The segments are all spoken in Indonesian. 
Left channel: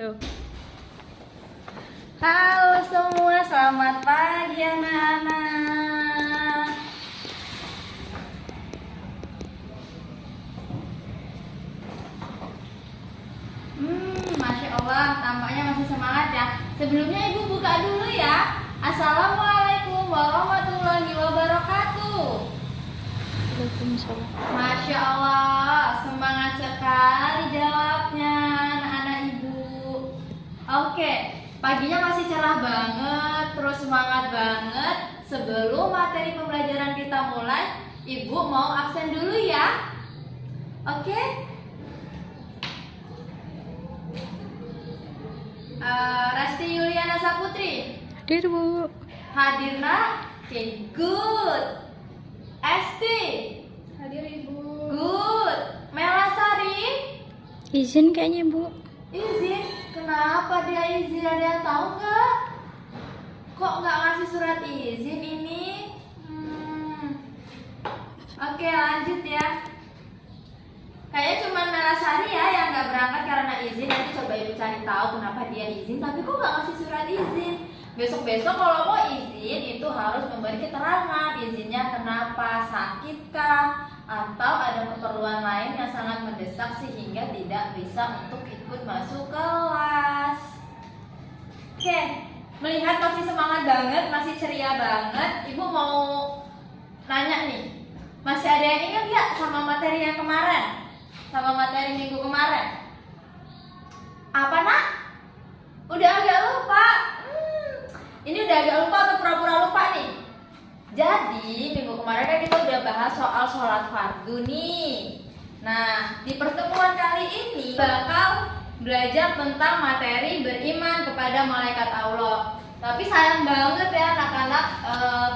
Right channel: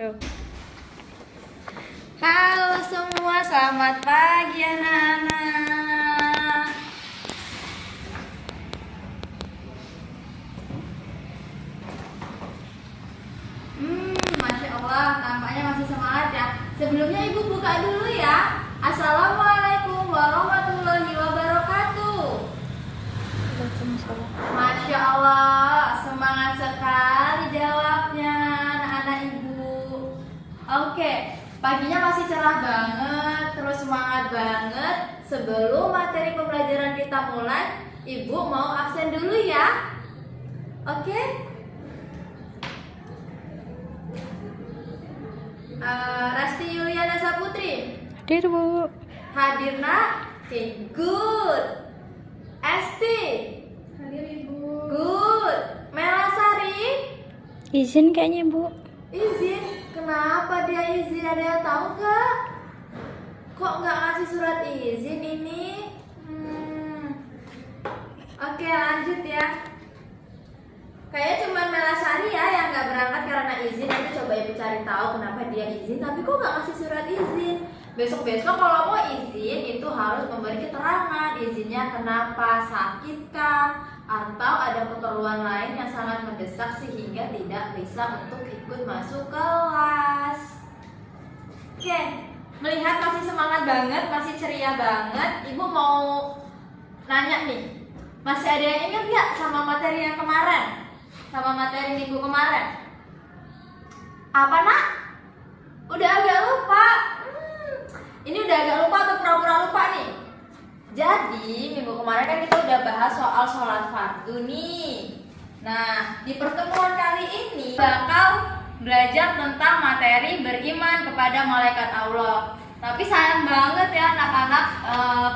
Yuk. Halo semua, selamat pagi anak-anak. Masya Allah, tampaknya masih semangat ya. Sebelumnya ibu buka dulu ya. Assalamualaikum warahmatullahi wabarakatuh. Waalaikumsalam. Masya Allah, semangat sekali jawabnya anak-anak ibu. Oke, paginya masih cerah banget, terus semangat banget. Sebelum materi pembelajaran kita mulai, ibu mau absen dulu ya. Oke? Resti Yuliana Saputri Hadir, Bu. hadir nak? Oke, good. Esti Hadir Ibu. good. Melasari Izin kayaknya, Bu. izin. Kenapa dia izin? Ada yang tahu nggak? Kok nggak ngasih surat izin ini? Oke, lanjut ya. Kayaknya cuman Melasari ya yang nggak berangkat karena izin. Nanti coba ibu cari tahu kenapa dia izin. Tapi kok nggak ngasih surat izin? Besok-besok kalau mau izin itu harus memberi keterangan. Izinnya kenapa? Sakitkah? Atau ada keperluan lain yang sangat mendesak sehingga tidak bisa untuk ikut masuk kelas. Oke, melihat masih semangat banget, masih ceria banget, ibu mau nanya nih, masih ada yang ingat nggak sama materi yang kemarin? Sama materi minggu kemarin? Apa nak? Udah agak lupa? Ini udah agak lupa atau pura-pura lupa nih? Jadi minggu kemarin kan kita udah bahas soal sholat fardu nih. Nah, di pertemuan kali ini bakal belajar tentang materi beriman kepada malaikat Allah. Tapi sayang banget ya anak-anak,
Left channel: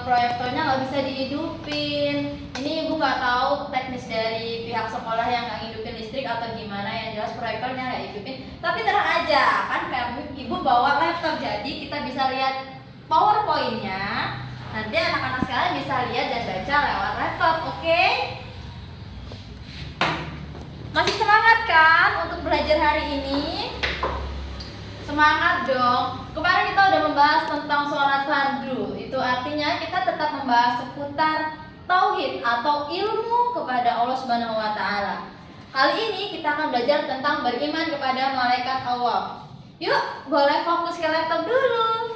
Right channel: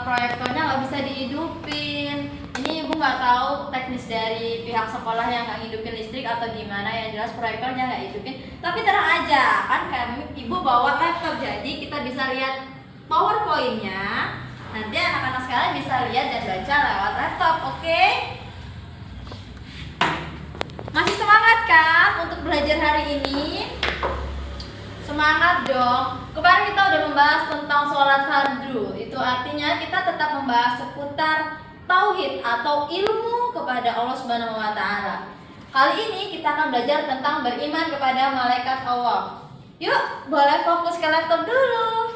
proyektornya nggak bisa dihidupin. Ini ibu nggak tahu teknis dari pihak sekolah yang nggak hidupin listrik atau gimana. Yang jelas proyektornya nggak hidupin. Tapi tenang aja, kan kami ibu bawa laptop, jadi kita bisa lihat PowerPoint-nya. Nanti anak-anak sekalian bisa lihat dan baca lewat laptop, oke? Masih semangat kan untuk belajar hari ini? Semangat dong. Kemarin kita udah membahas tentang sholat fardu. Itu artinya kita tetap membahas seputar tauhid atau ilmu kepada Allah Subhanahu wa taala. Kali ini kita akan belajar tentang beriman kepada malaikat Allah. Yuk, boleh fokus ke laptop dulu.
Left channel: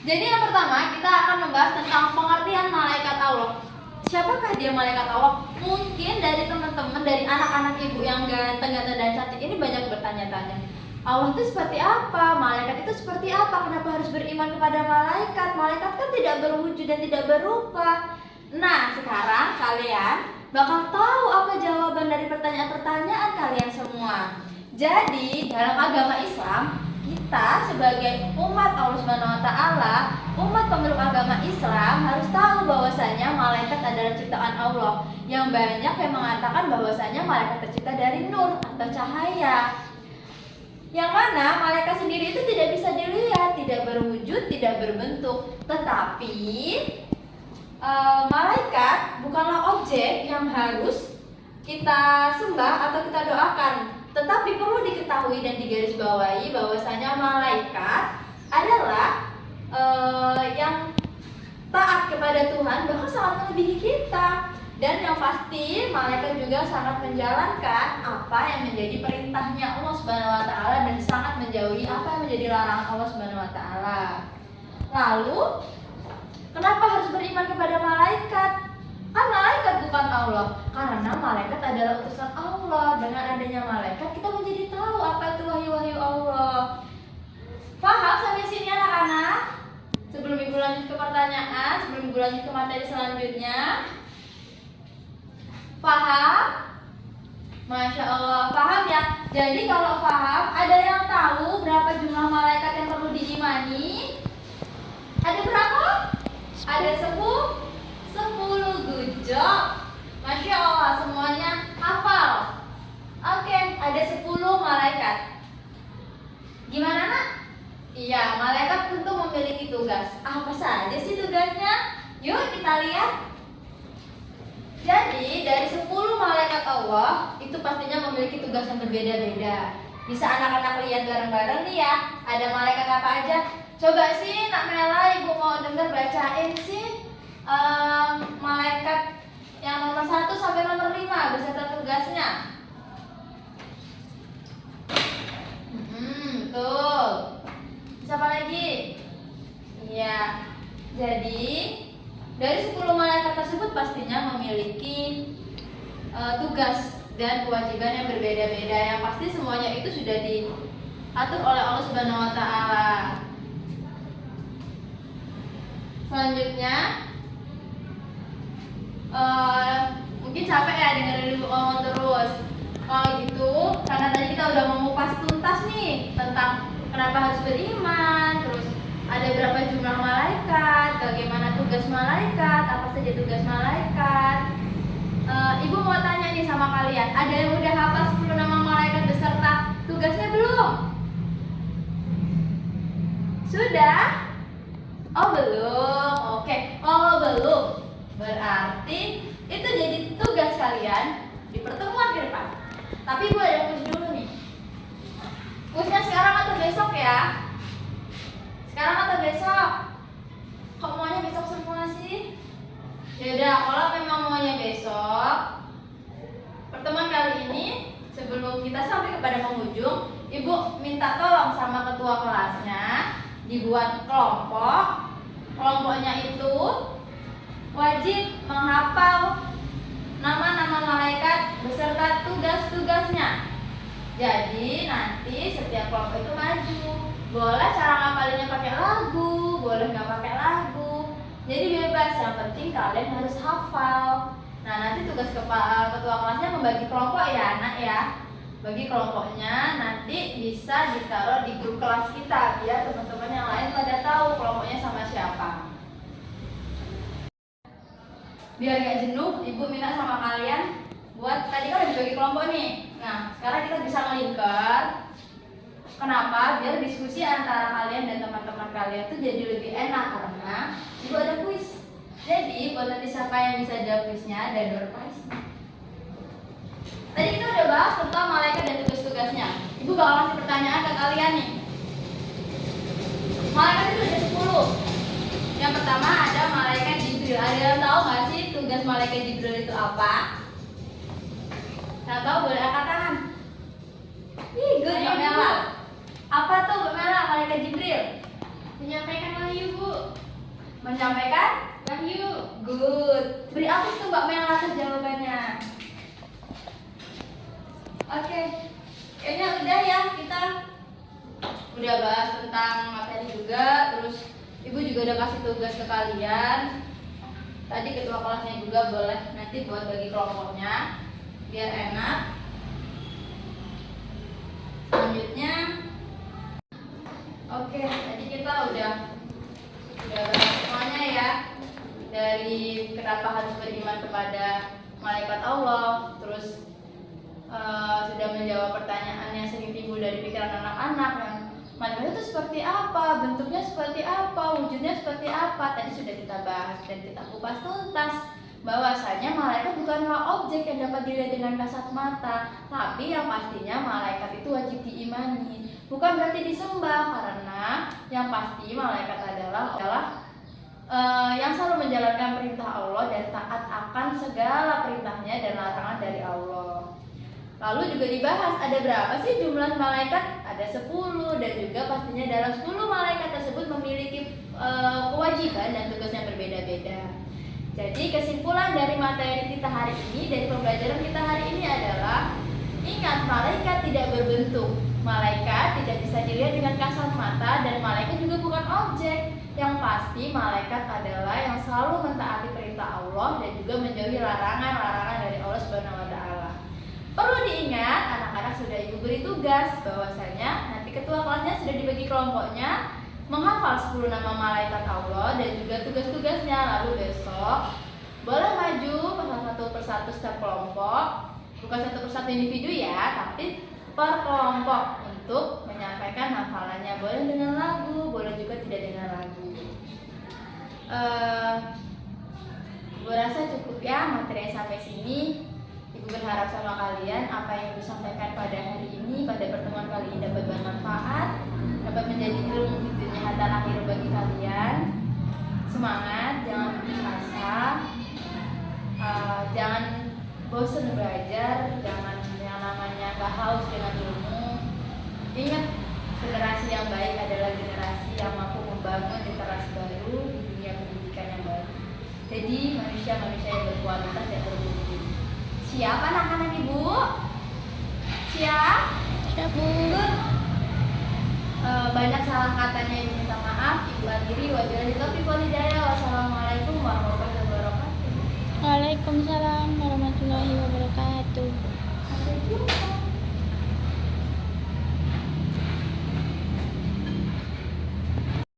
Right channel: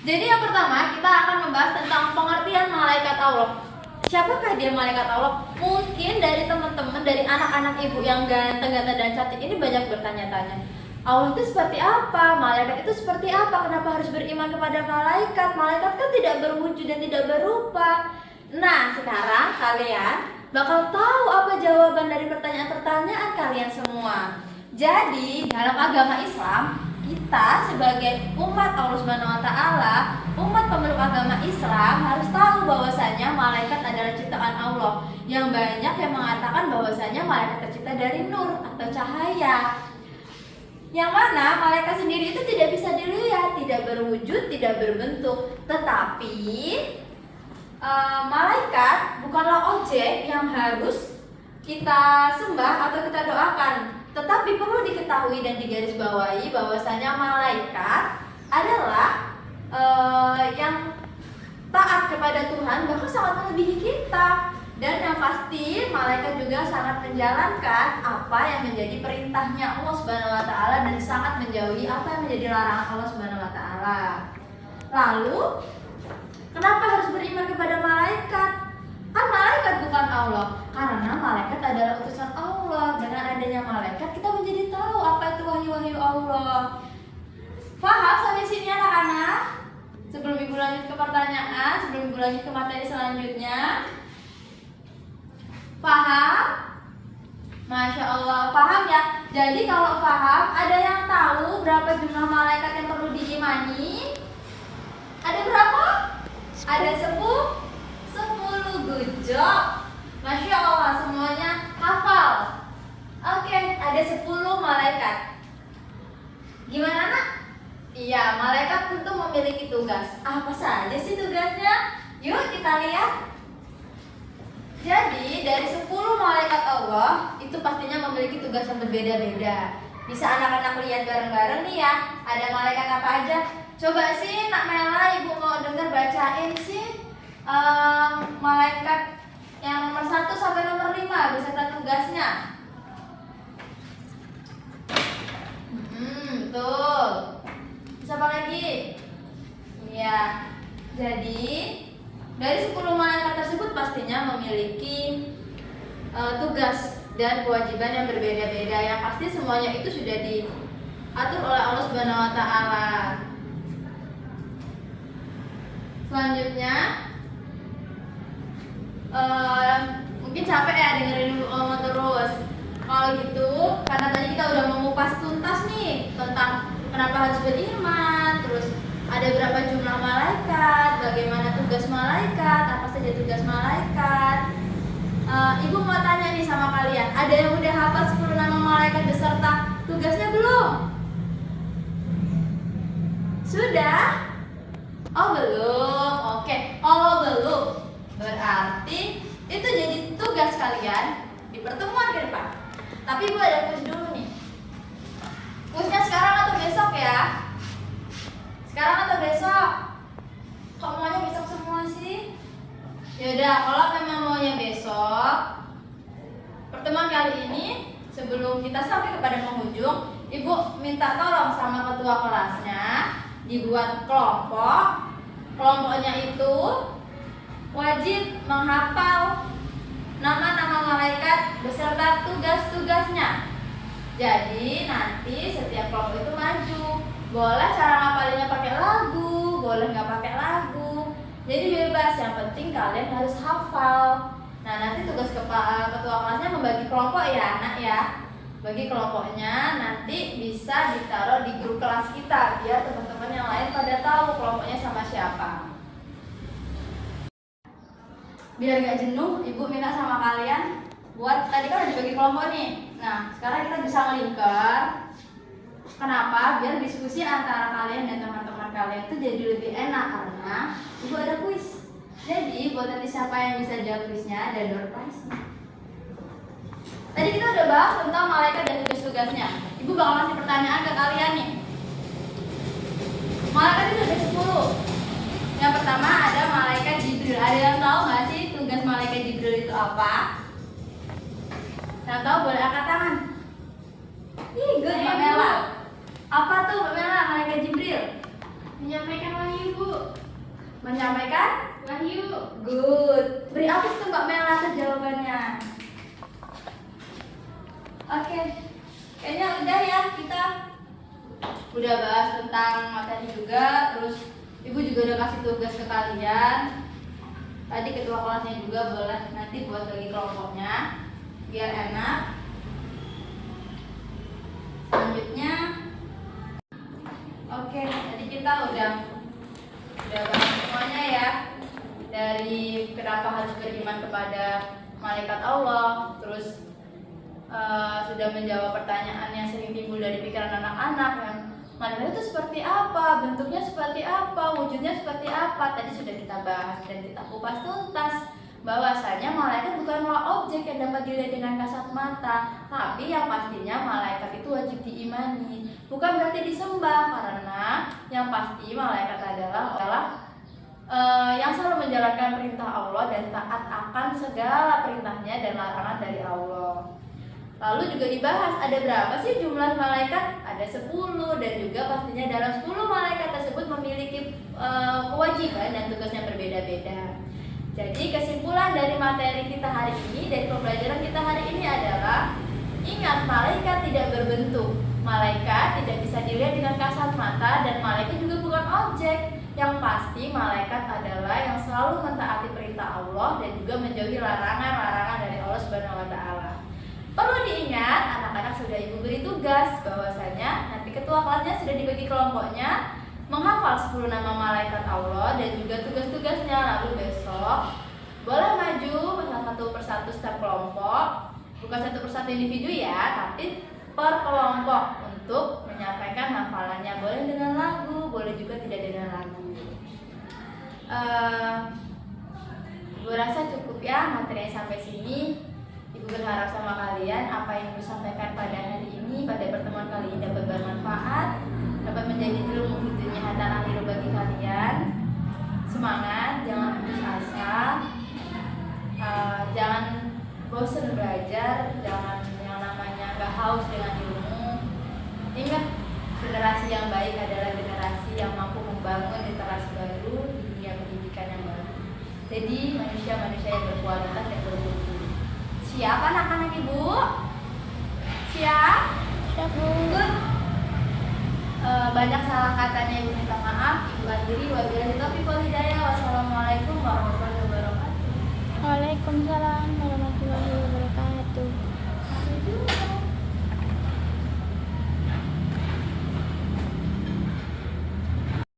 Jadi yang pertama kita akan membahas tentang pengertian malaikat Allah. Siapakah dia malaikat Allah? Mungkin dari teman-teman, dari anak-anak ibu yang ganteng-ganteng dan cantik ini banyak bertanya-tanya. Allah itu seperti apa? Malaikat itu seperti apa? Kenapa harus beriman kepada malaikat? Malaikat kan tidak berwujud dan tidak berupa. Nah, sekarang kalian bakal tahu apa jawaban dari pertanyaan-pertanyaan kalian semua. Jadi, dalam agama Islam, kita sebagai umat Allah Subhanahu wa taala, umat pemeluk agama Islam harus tahu bahwasanya malaikat adalah ciptaan Allah. Yang banyak yang mengatakan bahwasanya malaikat tercipta dari nur atau cahaya. Yang mana malaikat sendiri itu tidak bisa dilihat, tidak berwujud, tidak berbentuk. Tetapi malaikat bukanlah objek yang harus kita sembah atau kita doakan. Tetapi perlu diketahui dan digarisbawahi bahwasanya malaikat adalah yang taat kepada Tuhan, bahkan sangat melebihi kita. Dan yang pasti malaikat juga sangat menjalankan apa yang menjadi perintahnya Allah Subhanahu wa taala dan sangat menjauhi apa yang menjadi larangan Allah Subhanahu wa taala. Lalu, kenapa harus beriman kepada malaikat? Kan malaikat bukan Allah. Karena malaikat adalah utusan Allah. Dengan adanya malaikat kita menjadi tahu apa itu wahyu-wahyu Allah. Paham sampai sini anak-anak? Sebelum ibu lanjut ke pertanyaan, sebelum ibu lanjut ke materi selanjutnya, paham? Masya Allah, paham ya? Jadi kalau paham, ada yang tahu berapa jumlah malaikat yang perlu diimani? Ada berapa? Ada 10 good job. Masya Allah, semuanya hafal. Oke, ada 10 malaikat. Gimana nak? Iya, malaikat tentu memiliki tugas. Apa saja sih tugasnya? Yuk kita lihat. Jadi dari 10 malaikat Allah itu pastinya memiliki tugas yang berbeda-beda. Bisa anak-anak lihat bareng-bareng nih ya. Ada malaikat apa aja? Coba sih Nak Mela, Ibu mau denger bacain sih malaikat yang nomor 1 sampai nomor 5 beserta tugasnya. Betul. Siapa lagi? Iya. Jadi dari 10 malaikat tersebut pastinya memiliki tugas dan kewajiban yang berbeda-beda. Yang pasti semuanya itu sudah diatur oleh Allah Subhanahu wa taala. Selanjutnya mungkin capek ya dengerin Ibu ngomong terus. Kalau gitu, karena tadi kita udah mengupas tuntas nih tentang kenapa harus beriman, terus ada berapa jumlah malaikat, bagaimana tugas malaikat, apa saja tugas malaikat. Ibu mau tanya nih sama kalian, ada yang udah hafal 10 nama malaikat beserta tugasnya belum? Sudah? Oh belum, oke. Kalau belum, berarti itu jadi tugas kalian di pertemuan ke depan. Tapi Ibu ada kuis dulu nih. Kuisnya sekarang atau besok ya? Sekarang atau besok? Kok maunya besok semua sih? Yaudah, kalau memang maunya besok, pertemuan kali ini sebelum kita sampai kepada penghujung, Ibu minta tolong sama ketua kelasnya dibuat kelompok. Kelompoknya itu wajib menghafal nama-nama malaikat beserta tugas-tugasnya. Jadi nanti setiap kelompok itu maju. Boleh cara ngapalinnya pakai lagu, boleh nggak pakai lagu. Jadi bebas, yang penting kalian harus hafal. Nah nanti tugas ketua kelasnya membagi kelompok ya anak ya. Bagi kelompoknya nanti bisa ditaruh di grup kelas kita biar teman-teman yang lain pada tahu kelompoknya sama siapa. Biar gak jenuh, Ibu minta sama kalian buat, tadi kan udah dibagi kelompok nih. Nah sekarang kita bisa ngelingkar. Kenapa? Biar diskusi antara kalian dan teman-teman kalian itu jadi lebih enak karena Ibu ada kuis. Jadi buat nanti siapa yang bisa jawab kuisnya ada door prize-nya. Tadi kita udah bahas tentang malaikat dan tugas-tugasnya. Ibu bakal kasih pertanyaan ke kalian nih. Malaikat itu ada 10. Yang pertama ada malaikat Jibril. Ada yang tahu nggak sih tugas malaikat Jibril itu apa? Yang tahu boleh angkat tangan. Ih, good Mbak Mela. Apa tuh Mbak Mela malaikat Jibril? Menyampaikan wahyu, Bu. Menyampaikan Wahyu. good. Beri apa tuh Mbak Mela atas jawabannya? Oke, kayaknya udah ya, kita udah bahas tentang materi juga. Terus Ibu juga udah kasih tugas ke kalian. Tadi ketua kelasnya juga boleh nanti buat bagi kelompoknya biar enak. Selanjutnya, oke, tadi kita udah bahas semuanya ya. Dari kenapa harus beriman kepada malaikat Allah, terus sudah menjawab pertanyaan yang sering timbul dari pikiran anak-anak, yang malaikat itu seperti apa, bentuknya seperti apa, wujudnya seperti apa. Tadi sudah kita bahas dan kita kupas tuntas bahwasanya malaikat bukanlah objek yang dapat dilihat dengan kasat mata, tapi yang pastinya malaikat itu wajib diimani. Bukan berarti disembah, karena yang pasti malaikat adalah yang selalu menjalankan perintah Allah dan taat akan segala perintahnya dan larangan dari Allah. Lalu juga dibahas ada berapa sih jumlah malaikat? Ada 10, dan juga pastinya dalam 10 malaikat tersebut memiliki kewajiban dan tugasnya berbeda-beda. Jadi kesimpulan dari materi kita hari ini, dari pembelajaran kita hari ini adalah ingat, malaikat tidak berbentuk, malaikat tidak bisa dilihat dengan kasat mata, dan malaikat juga bukan objek. Yang pasti malaikat adalah yang selalu mentaati perintah Allah dan juga menjauhi larangan-larangan dari Allah Subhanahu wa taala. Perlu diingat, anak-anak sudah Ibu beri tugas bahwasanya nanti ketua kelasnya sudah dibagi kelompoknya menghafal 10 nama malaikat Allah dan juga tugas-tugasnya. Lalu besok boleh maju satu persatu setiap kelompok, bukan satu persatu individu ya, tapi per kelompok untuk menyampaikan hafalannya. Boleh dengan lagu, boleh juga tidak dengan lagu. Gue rasa cukup ya materi sampai sini. Ibu berharap sama kalian apa yang Ibu sampaikan pada hari ini, pada pertemuan kali ini dapat bermanfaat, dapat menjadi ilmu fitunya hatta akhir bagi kalian. Semangat, jangan putus asa, jangan bosan belajar, jangan yang namanya gak haus dengan ilmu. Ingat, generasi yang baik adalah generasi yang mampu membangun literasi baru di dunia pendidikan yang baru. Jadi manusia-manusia yang berkualitas dan bermutu. Siap anak-anak Ibu? Siap? Siap, Bu. Banyak salah katanya Ibu minta maaf. Ibu akhiri wabillahi taufiq wal